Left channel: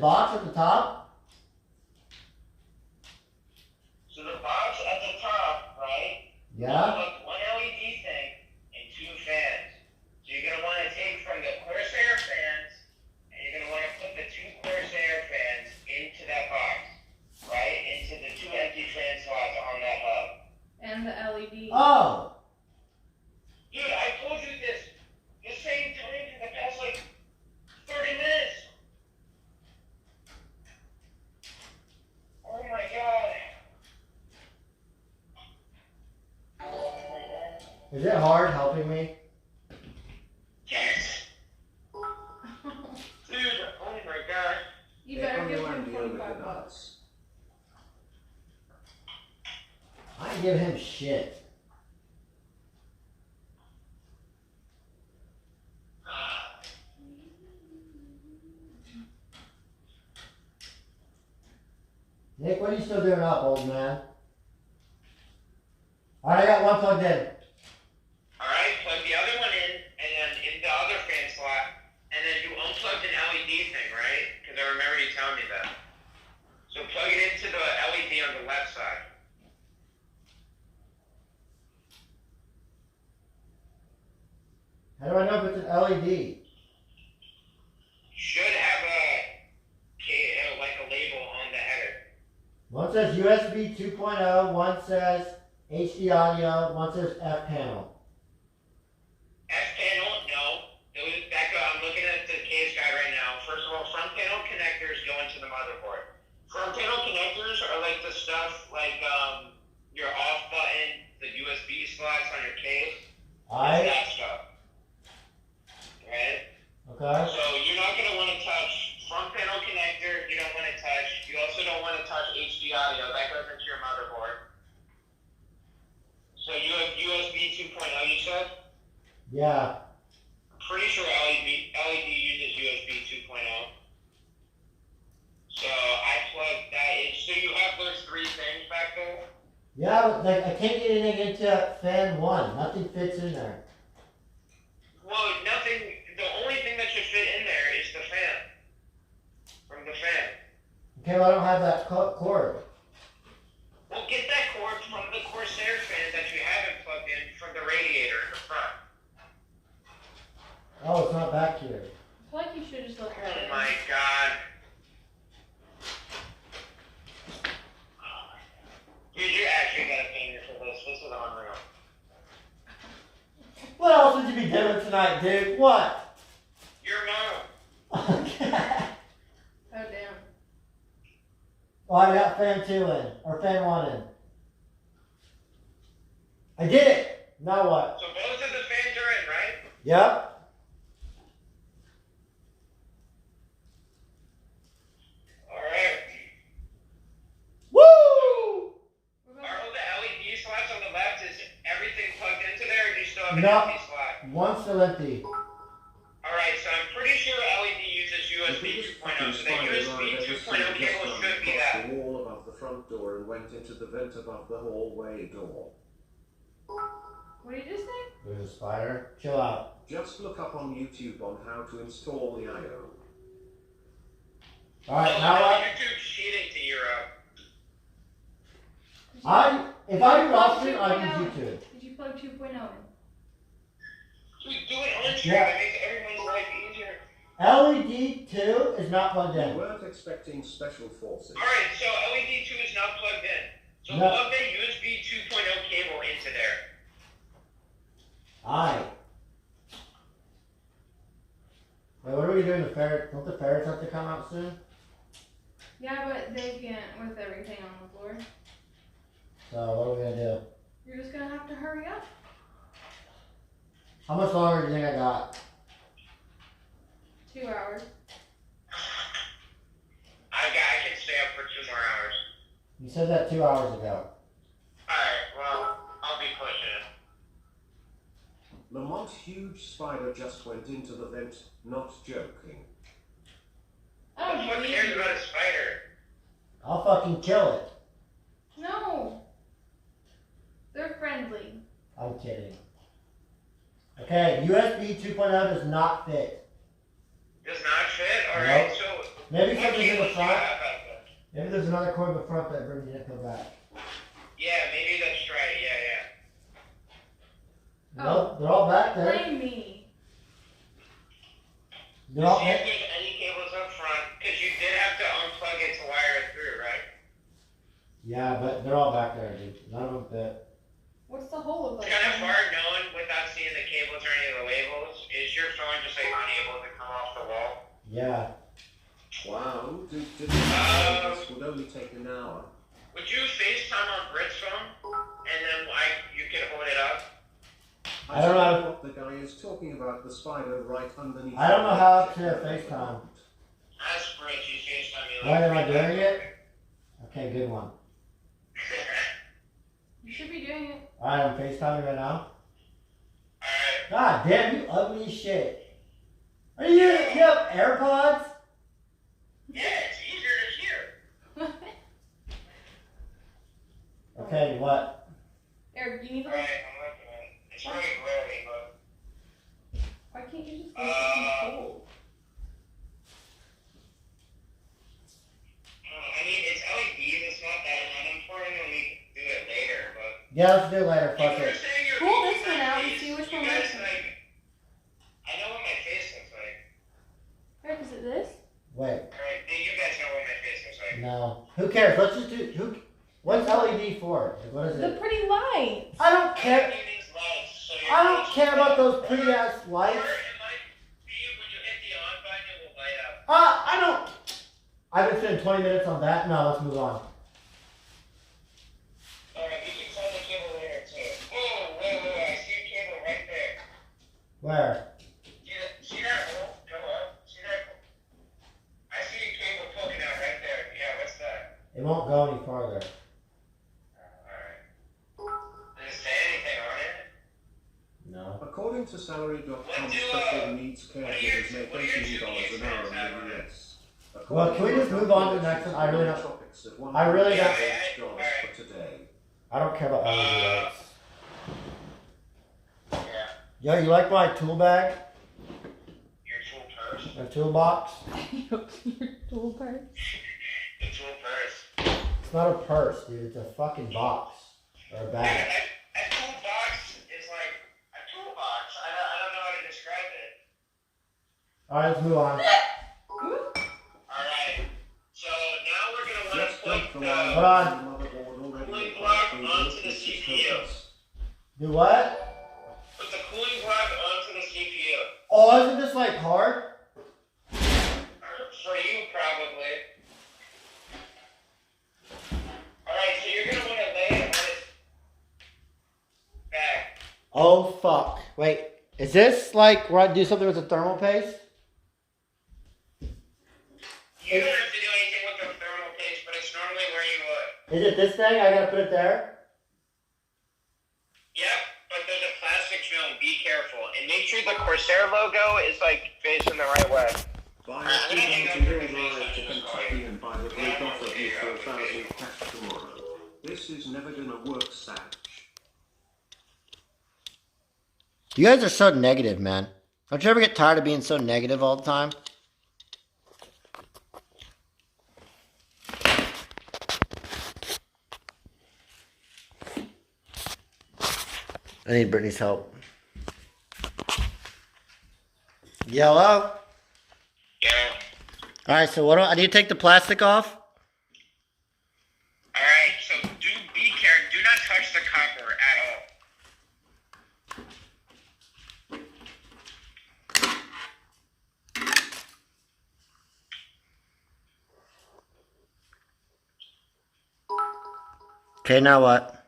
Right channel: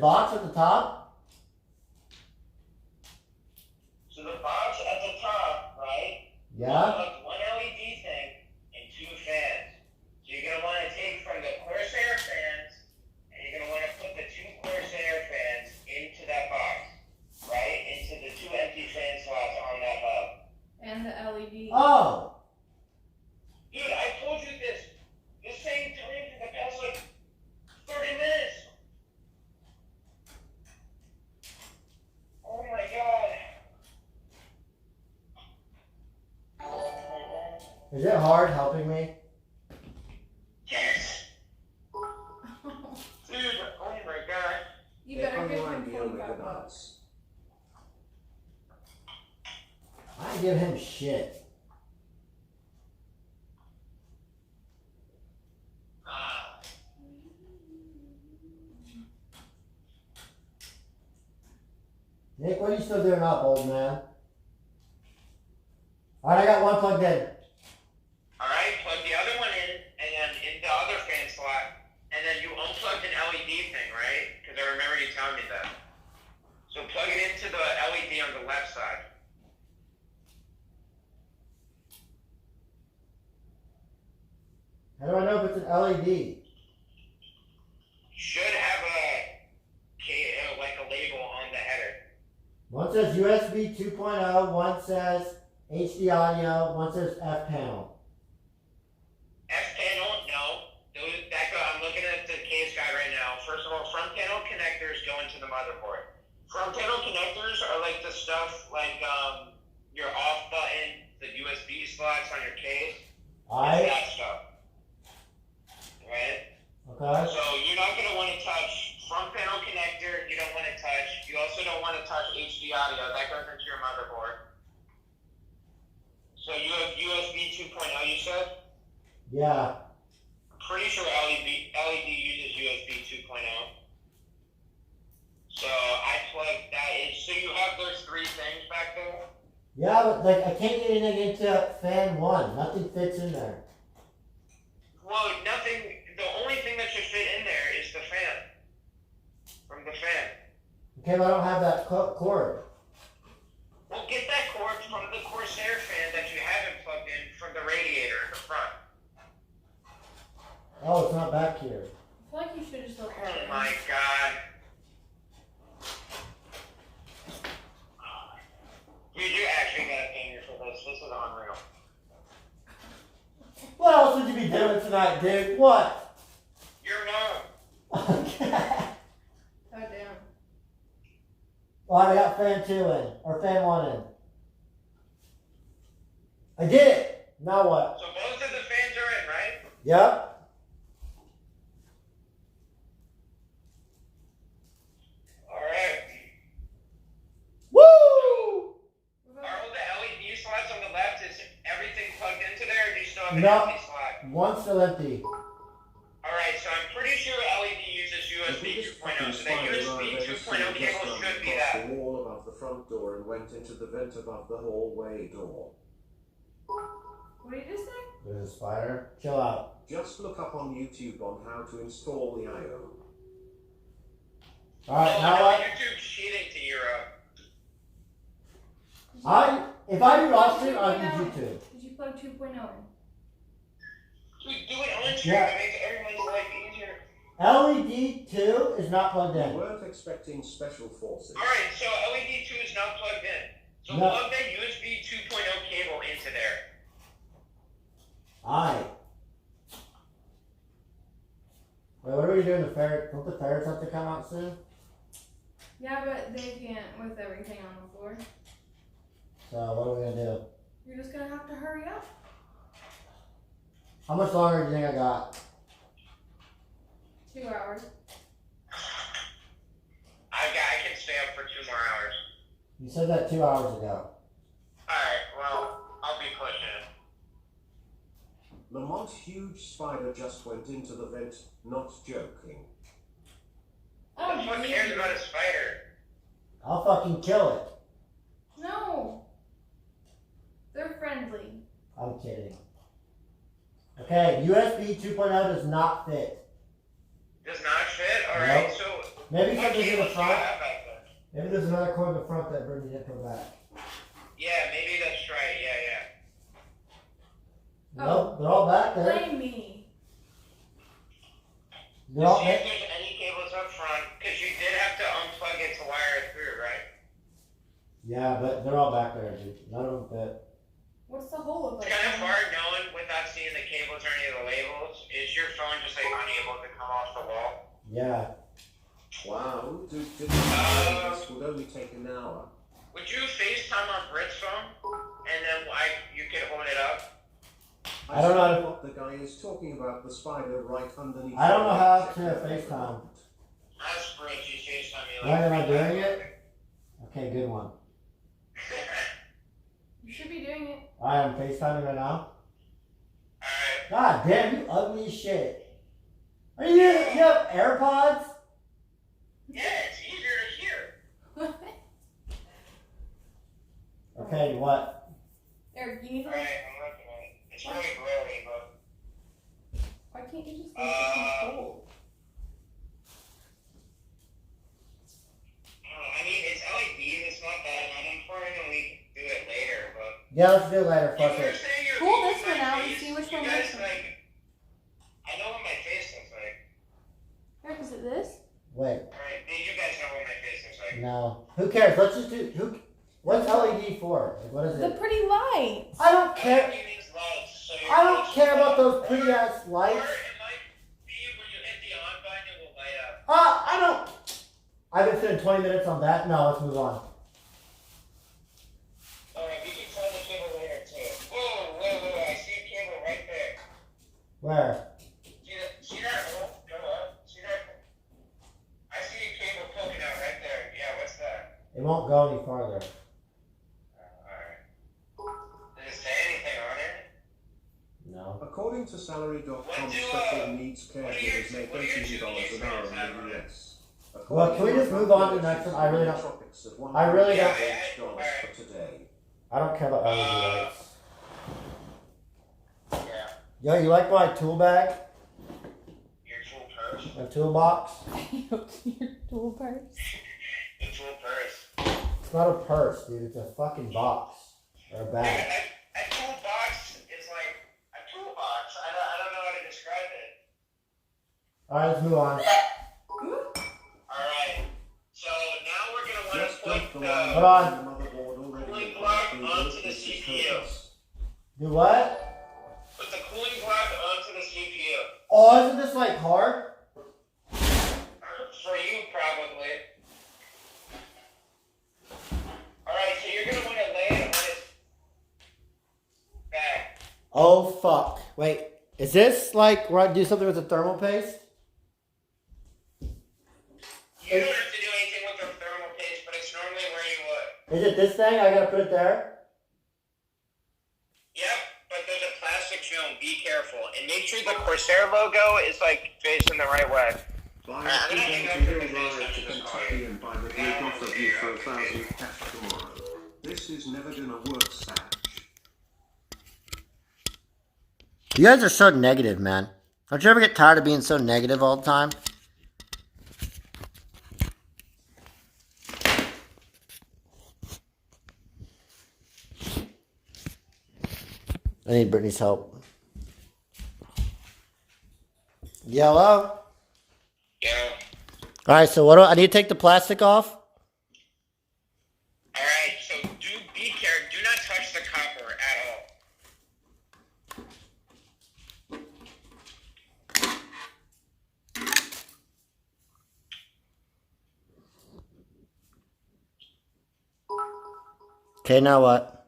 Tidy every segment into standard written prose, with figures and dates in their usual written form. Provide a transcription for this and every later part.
box at the top? So the box at the top, right? Yeah. Like one LED thing and two fans. So you're gonna want to take from the Corsair fans, and you're gonna want to put the two Corsair fans into that box, right? Into the two empty fan slots on that hub. And the LED. Oh. Dude, I told you this the same time for the past like 30 minutes. Oh my god. Is it hard helping me? Yes. Dude, oh my god. You better give him $45. I ain't give him shit. Nick, what are you still doing up, old man? Alright, I got one plugged in. Alright, plug the other one in, and then in the other fan slot, and then you unplugged an LED thing, right? Because I remember you telling me that. So plug it into the LED on the left side. How do I know if it's an LED? Should have like a label on the header. One says USB 2.0, one says HD audio, one says F panel. F panel, no. I'm looking at the case guide right now. First of all, front panel connectors go into the motherboard. Front panel connectors are like the stuff like your off button, the USB slots on your case. It's that stuff. Right? Okay. So you're not going to want to touch front panel connector. You don't want to touch. You also don't want to touch HD audio. That goes into your motherboard. So you have USB 2.0, you said? Yeah. Pretty sure LED uses USB 2.0. So I plugged that in. So you have those three things back there? Yeah, but like I can't get anything into fan 1. Nothing fits in there. Well, nothing. The only thing that should fit in there is the fan. From the fan. Okay, well I don't have that cord. Well, get that cord from the Corsair fan that you haven't plugged in from the radiator in the front. Oh, it's not back here. I feel like you should just look at it. Oh my god. Dude, you're actually gonna pay me for this. This is unreal. What else would you be doing tonight, dude? What? Your mom. Okay. Oh, damn. Oh, I got fan 2 in, or fan 1 in. I did it! Now what? So both of the fans are in, right? Yep. Alright. Woo! Are all the LED slots on the left, is everything plugged into there, or do you still have an No. empty slot? One's still empty. Alright, so I'm pretty sure LED uses USB 2.0, so that USB 2.0 cable should be that. The wall above the front door and went into the vent above the hallway door. What did you just say? There's a spider. Chill out. Just look up on YouTube on how to install the I/O. Alright, Oh, now no, what? YouTube's cheating to Erobb. If I do off stream, I'll use YouTube. Did you plug 2.0 in? Dude, do it on stream, Yeah. it makes everyone's life easier. LED 2 is not plugged You in. weren't expecting special forces. Alright, so LED 2 is not plugged in. So No. plug that USB 2.0 cable into there. Alright. Wait, what are we doing? Don't the ferrets have to come out soon? Yeah, but they can't with everything on the floor. So what are we gonna do? You're just gonna have to hurry up. How much longer do you think I got? 2 hours. I can stay up for 2 more hours. You said that 2 hours ago. Alright, well, I'll be pushing it. Lamont's huge spider just went into the vent, not joking. Oh, Who the fuck cares about a spider? I'll fucking kill it. No. They're friendly. I'm kidding. Okay, USB 2.0 does not fit. Does not fit? Alright, Nope. so Maybe What something's in the cables do you front. have back there? Maybe there's another cord in the front that brings it back. Yeah, maybe that's right. Yeah. Nope, they're all back there. Blame me. They're all See if there's any cables up front, because you did have to unplug it to wire it through, right? Yeah, but they're all back there, dude. None of them fit. What's the hole look It's like? kind of hard knowing without seeing the cables or any of the labels. Is your phone just like unable to come off the wall? Yeah. Wow, this would only take an hour. Would you FaceTime on Brit's phone, and then you could hold it up? I don't know how to- what the guy is talking about, the spider right underneath. I don't know how to FaceTime. Ask Brit, you FaceTime me. Why am I doing it? Okay, good one. You should be doing it. Alright, I'm FaceTiming right now. Alright. God damn, you ugly as shit. Are you have AirPods? Yeah, it's easier to hear. Okay, what? Eric, you need to. Alright, I'm looking at it. It's really blurry, but. Why can't you just make it controlled? I mean, it's LEDs, it's not that important, and we can do it later, but. Yeah, let's do it later. Fuck People are it. saying you're Pull making this one my out and face. see which You one guys, works. like, I know what my face looks like. Eric, is it this? Wait. Alright, you guys know what my face looks like. No. Who cares? Let's just do. What's LED for? Like, what is The it? pretty lights. I don't care. LED means lights, so your I don't face care will about those light up. pretty ass Or lights. it might be when you hit the on button, it will light up. I don't. I've been spending 20 minutes on that. No, let's move on. Alright, we can find the cable later too. Whoa, I see a cable right there. Where? See that hole? Go up. See that? I see a cable poking out right there. Yeah, what's that? It won't go any farther. Alright. Does it say anything on it? No. According to salary.com, What do, special needs what are your- caregivers make what are your $18 two an hour experience in have the on it? US. Well, can we just move on to the next one? I really don't- I really don't- For today. I don't care about LED lights. Yeah. Yo, you like my tool bag? Your tool purse. My toolbox? Your tool purse. The tool purse. It's not a purse, dude. It's a fucking box. Or a Dude, bag. a toolbox is like a toolbox. I don't know how to describe it. Alright, let's move on. Alright. So now we're gonna want to Just put dump the the wire Hold on. from the motherboard already cooling in block through onto the this is CPU. focus. Do what? Put the cooling block onto the CPU. Oh, isn't this like hard? For you, probably. Alright, so you're gonna want to lay it on its back. Oh, fuck. Wait. Is this like where I do something with the thermal paste? You don't have to do anything with the thermal paste, but it's normally where you would. Is it this thing? I gotta put it there? Yep, but there's a plastic film. Be careful. And make sure the Corsair logo is like facing the right way. Buy I'm a gonna hang ticket up to for your the ride to next time. Kentucky and buy the group off of you for 1,000 cash tomorrow. This is never gonna work, Satch. You guys are so negative, man. Don't you ever get tired of being so negative all the time? I need Brittany's help. Yellow? Yeah. Alright, so what do I need to take the plastic off? Alright, so be careful. Do not touch the copper at all. Okay, now what?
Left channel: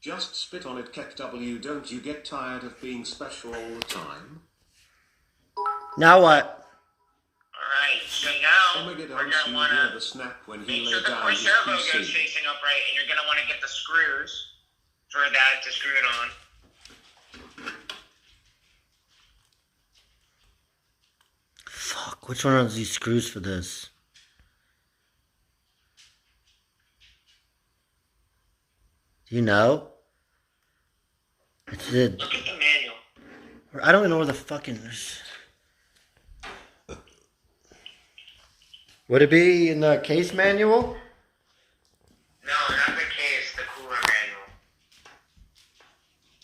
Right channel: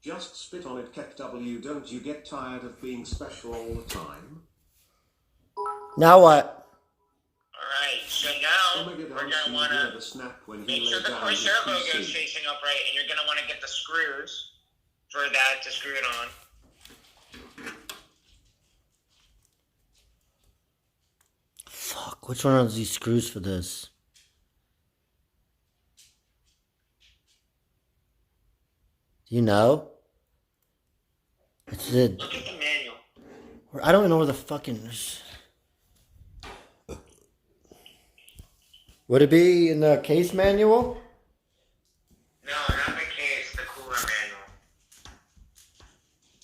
Just spit on it, KEKW. Don't you get tired of being special all the time? Now what? Alright, so now we're Omega gonna Dance want hear to the snap when he make lay sure the down his Corsair logo is PC. facing upright, and you're gonna want to get the screws for that to screw it on. Fuck, which one are these screws for this? Do you know? It's the... Look at the manual. I don't even know where the fucking... Would it be in the case manual? No, not the case, the cooler manual.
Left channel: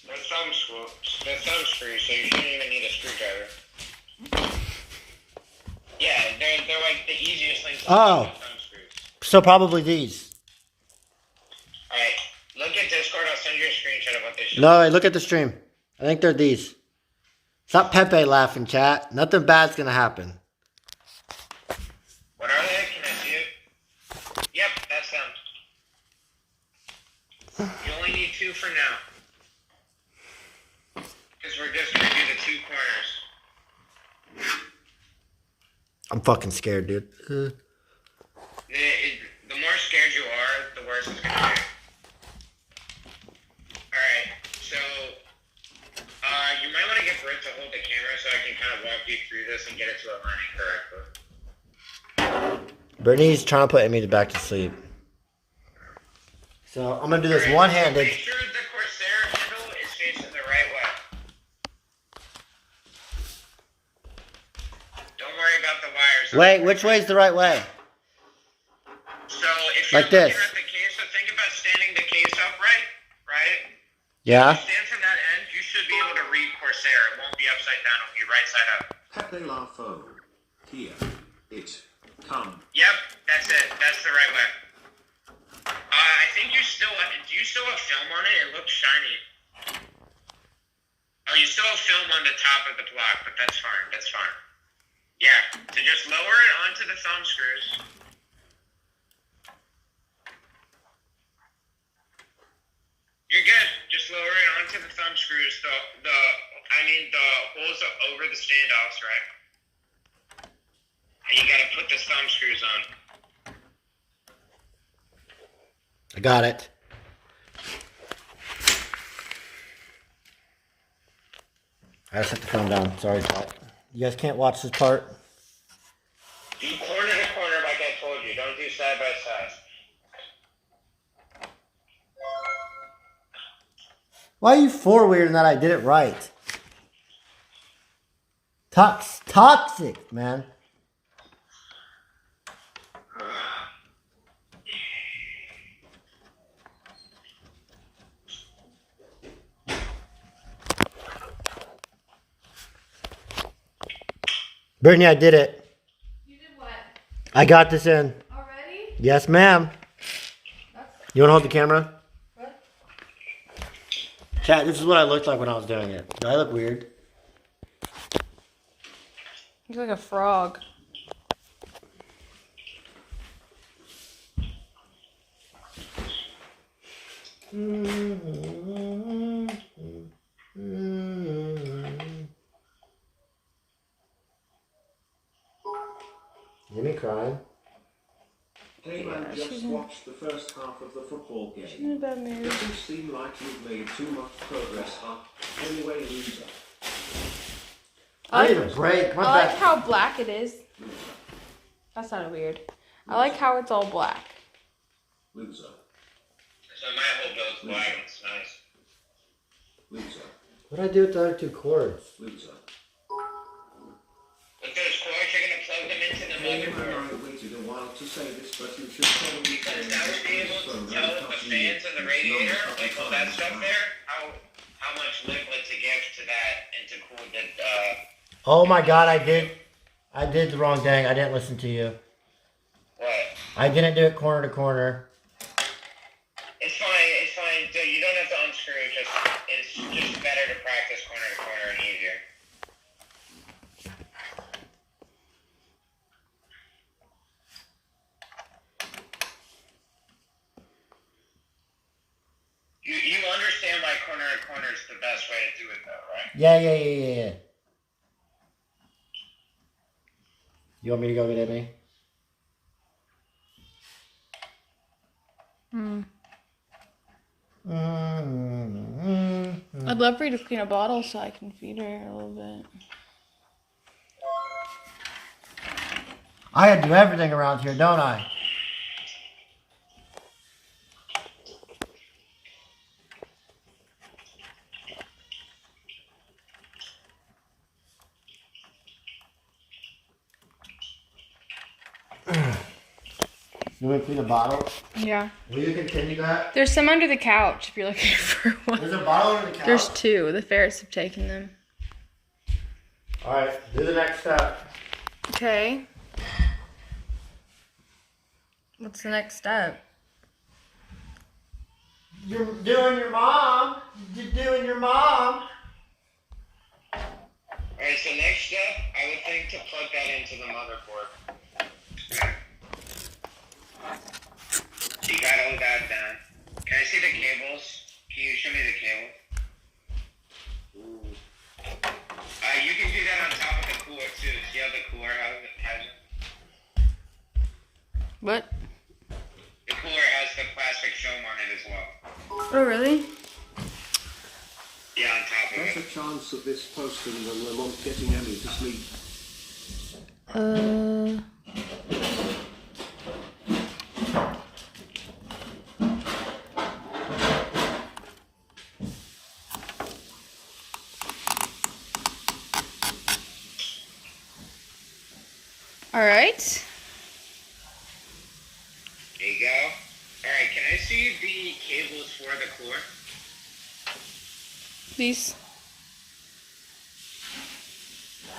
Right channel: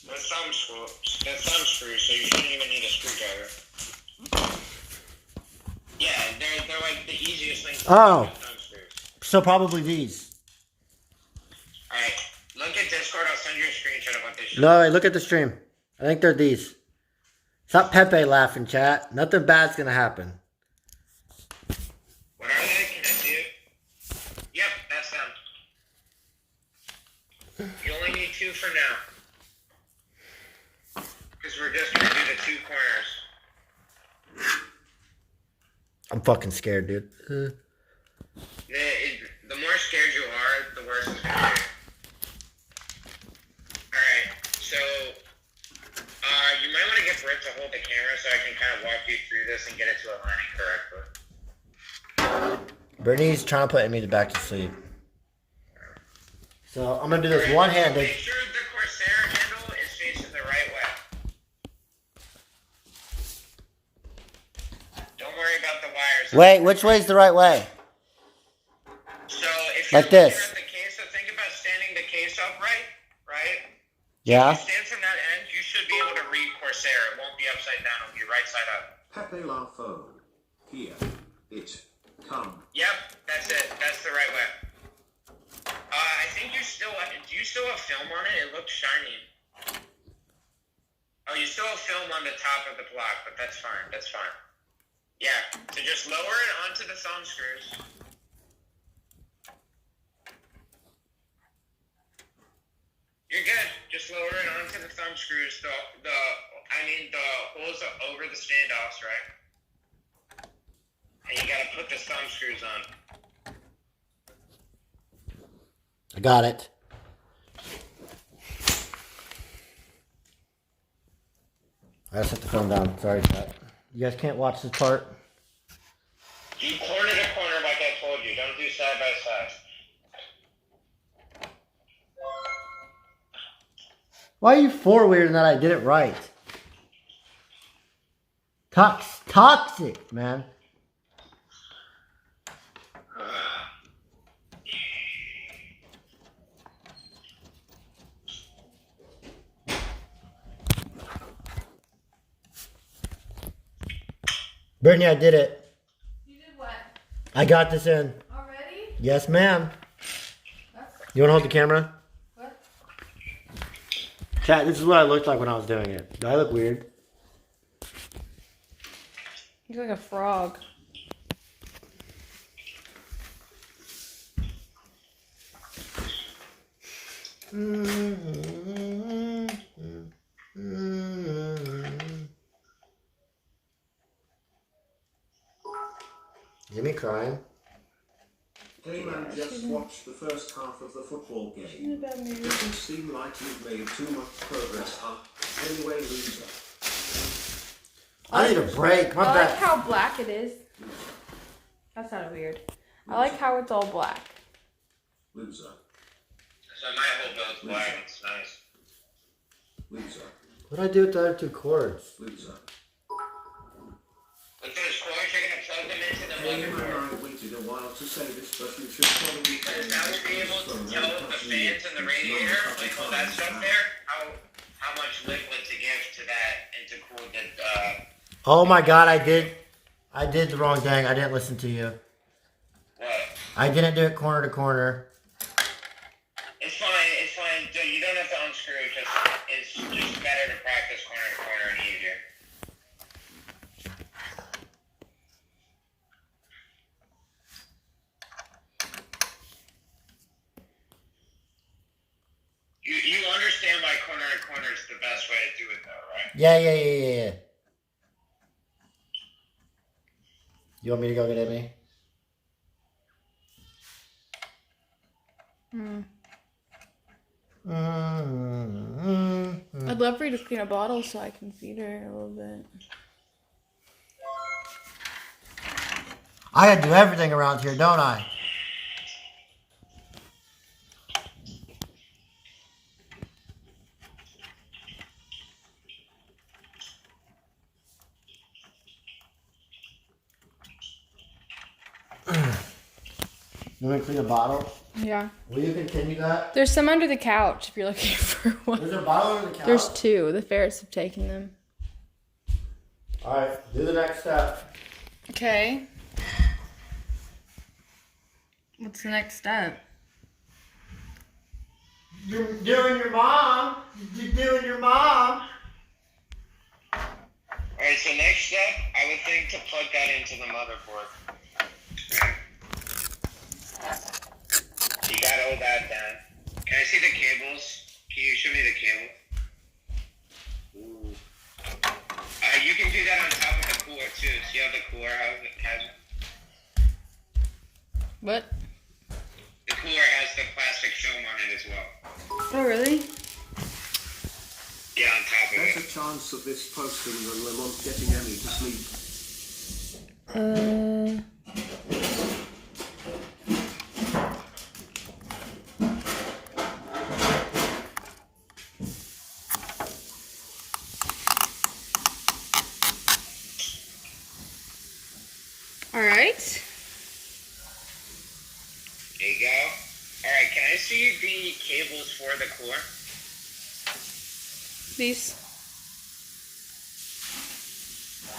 The thumb screw, so you shouldn't even need a screwdriver. Yeah, they're like the easiest things to Oh. do with thumb screws. So probably these. Alright, look at Discord, I'll send you a screenshot of what they show. No, look at the stream. I think they're these. Stop Pepe laughing, chat. Nothing bad's gonna happen. What are they? Can I see it? Yep, that's them. You only need 2 for now. Because we're just gonna do the 2 corners. I'm fucking scared, dude. The more scared you are, the worse it's gonna be. Alright, so you might want to get Britt to hold the camera so I can kind of walk you through this and get it to aligning correctly. Brittany's trying to put Amy back to sleep. So I'm gonna do this one-handed. Make sure the Corsair handle is facing the right way. Don't worry about the wires. Wait, which way is the right way? So if you're Like this. looking at the case, so think about standing the case upright, right? Yeah? If you stand from that end, you should be able to read Corsair. It won't be upside down, it'll be right side up. Pepe la phone. Here. It. Come. Yep, that's it. That's the right way. I think do you still have film on it? It looks shiny. Oh, you still have film on the top of the block, but that's fine. That's fine. Yeah, so just lower it onto the thumb screws. You're good. Just lower it onto the thumb screws. The holes over the standoffs, right? And you gotta put the thumb screws on. I got it. I gotta set the phone down. Sorry, Pat. You guys can't watch this part. Do corner to corner like I told you. Don't do side by side. Why are you forwarding that I did it right? Toxic, man. Brittany, I did it. You did what? I got this in. Already? Yes, ma'am. You want to hold the camera? What? Chat, this is what I looked like when I was doing it. Do I look weird? You look like a frog. Jimmy crying. Hey man, just watched the first half of the football game. She's in a bad mood. Doesn't seem like you've made too much progress, huh? Anyway, loser. I need a break. My I like back. how black it is. That sounded weird. I like how it's all black. Loser. So my whole bill's black. It's nice. Loser. What did I do with the other 2 cords? Loser. With those cords, you're gonna plug them into the Hey man, motherboard. I waited a while to say this, but you should probably Because that will be able to tell the fans and the radiator, like all that stuff there, how much liquid to give to that and to cool the Oh my god, I did the wrong thing. I didn't listen to you. what? I didn't do it corner to corner. It's fine. Dude, you don't have to unscrew it. It's just better to practice corner to corner and easier. You understand why corner to corner is the best way to do it, though, right? Yeah. You want me to go get Amy? I'd love for you to clean a bottle so I can feed her a little bit. I gotta do everything around here, don't I? You want to clean a bottle? Yeah. Will you continue that? There's some under the couch if you're looking for one. There's a bottle under the couch? There's two. The ferrets have taken them. Alright, do the next step. Okay. What's the next step? You're doing your mom. You're doing your mom. Alright, so next step, I would think to plug that into the motherboard. Okay. So you gotta hold that down. Can I see the cables? Can you show me the cable? Ooh. You can do that on top of the cooler too. See how the cooler has it? What? The cooler has the plastic film on it as well. Oh, really? Yeah, on top of Better it. chance of this posting than Lamont getting Emmy to sleep. All right. There you go. Alright, can I see the cables for the cooler? These.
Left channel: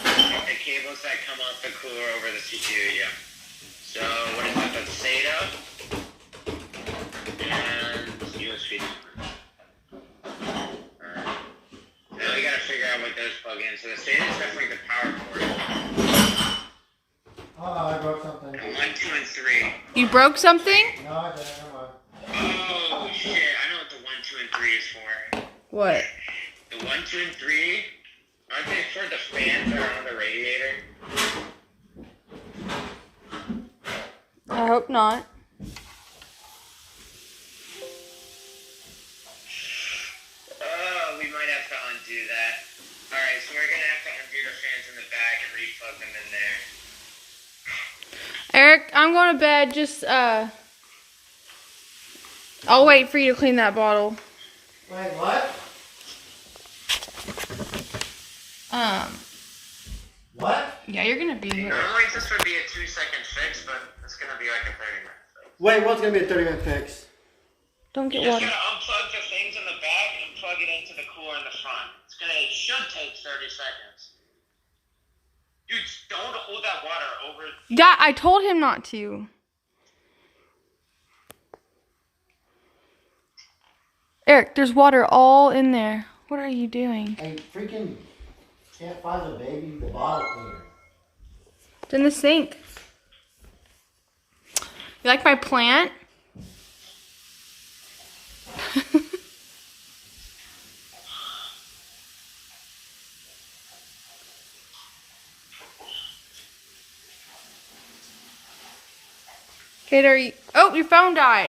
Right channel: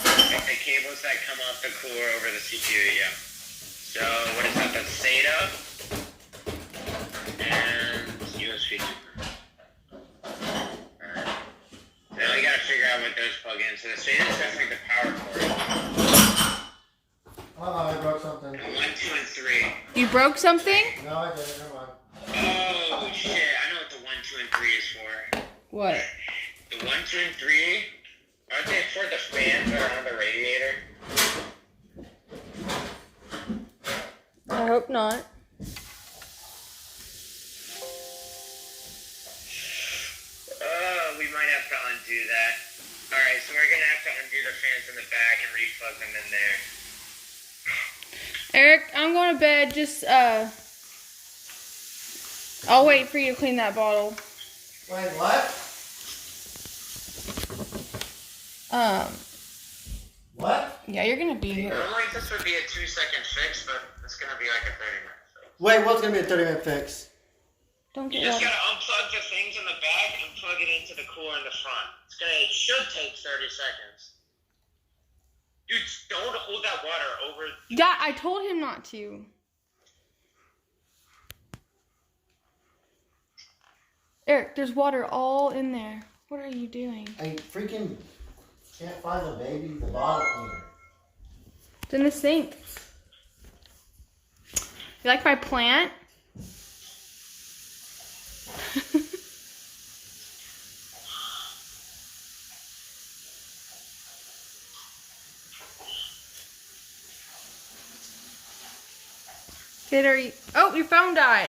Like the cables that come off the cooler over the CPU, yeah. So, what is that? The SATA and USB. Alright. Now we gotta figure out what those plug in. So the SATA is definitely the power cord. I broke something. 1, 2, and 3. You broke something? No, I didn't. Never mind. Oh shit, I know what the 1, 2, and 3 is for. What? The 1, 2, and 3, aren't they for the fans around the radiator? I hope not. Oh, we might have to undo that. Alright, so we're gonna have to undo the fans in the back and re-plug them in there. Eric, I'm going to bed. Just, I'll wait for you to clean that bottle. Wait, what? What? Yeah, you're going to be here. Normally this would be a 2-second fix, but it's gonna be like a 30-minute fix. Wait, what's gonna be a 30-minute fix? Don't You get just water. gotta unplug the things in the back and plug it into the cooler in the front. It should take 30 seconds. Dude, don't hold that water over. Dad, I told him not to. Eric, there's water all in there. What are you doing? I freaking can't find the bottle cleaner. It's in the sink. You like my plant? Kate, are you... Oh, your phone died.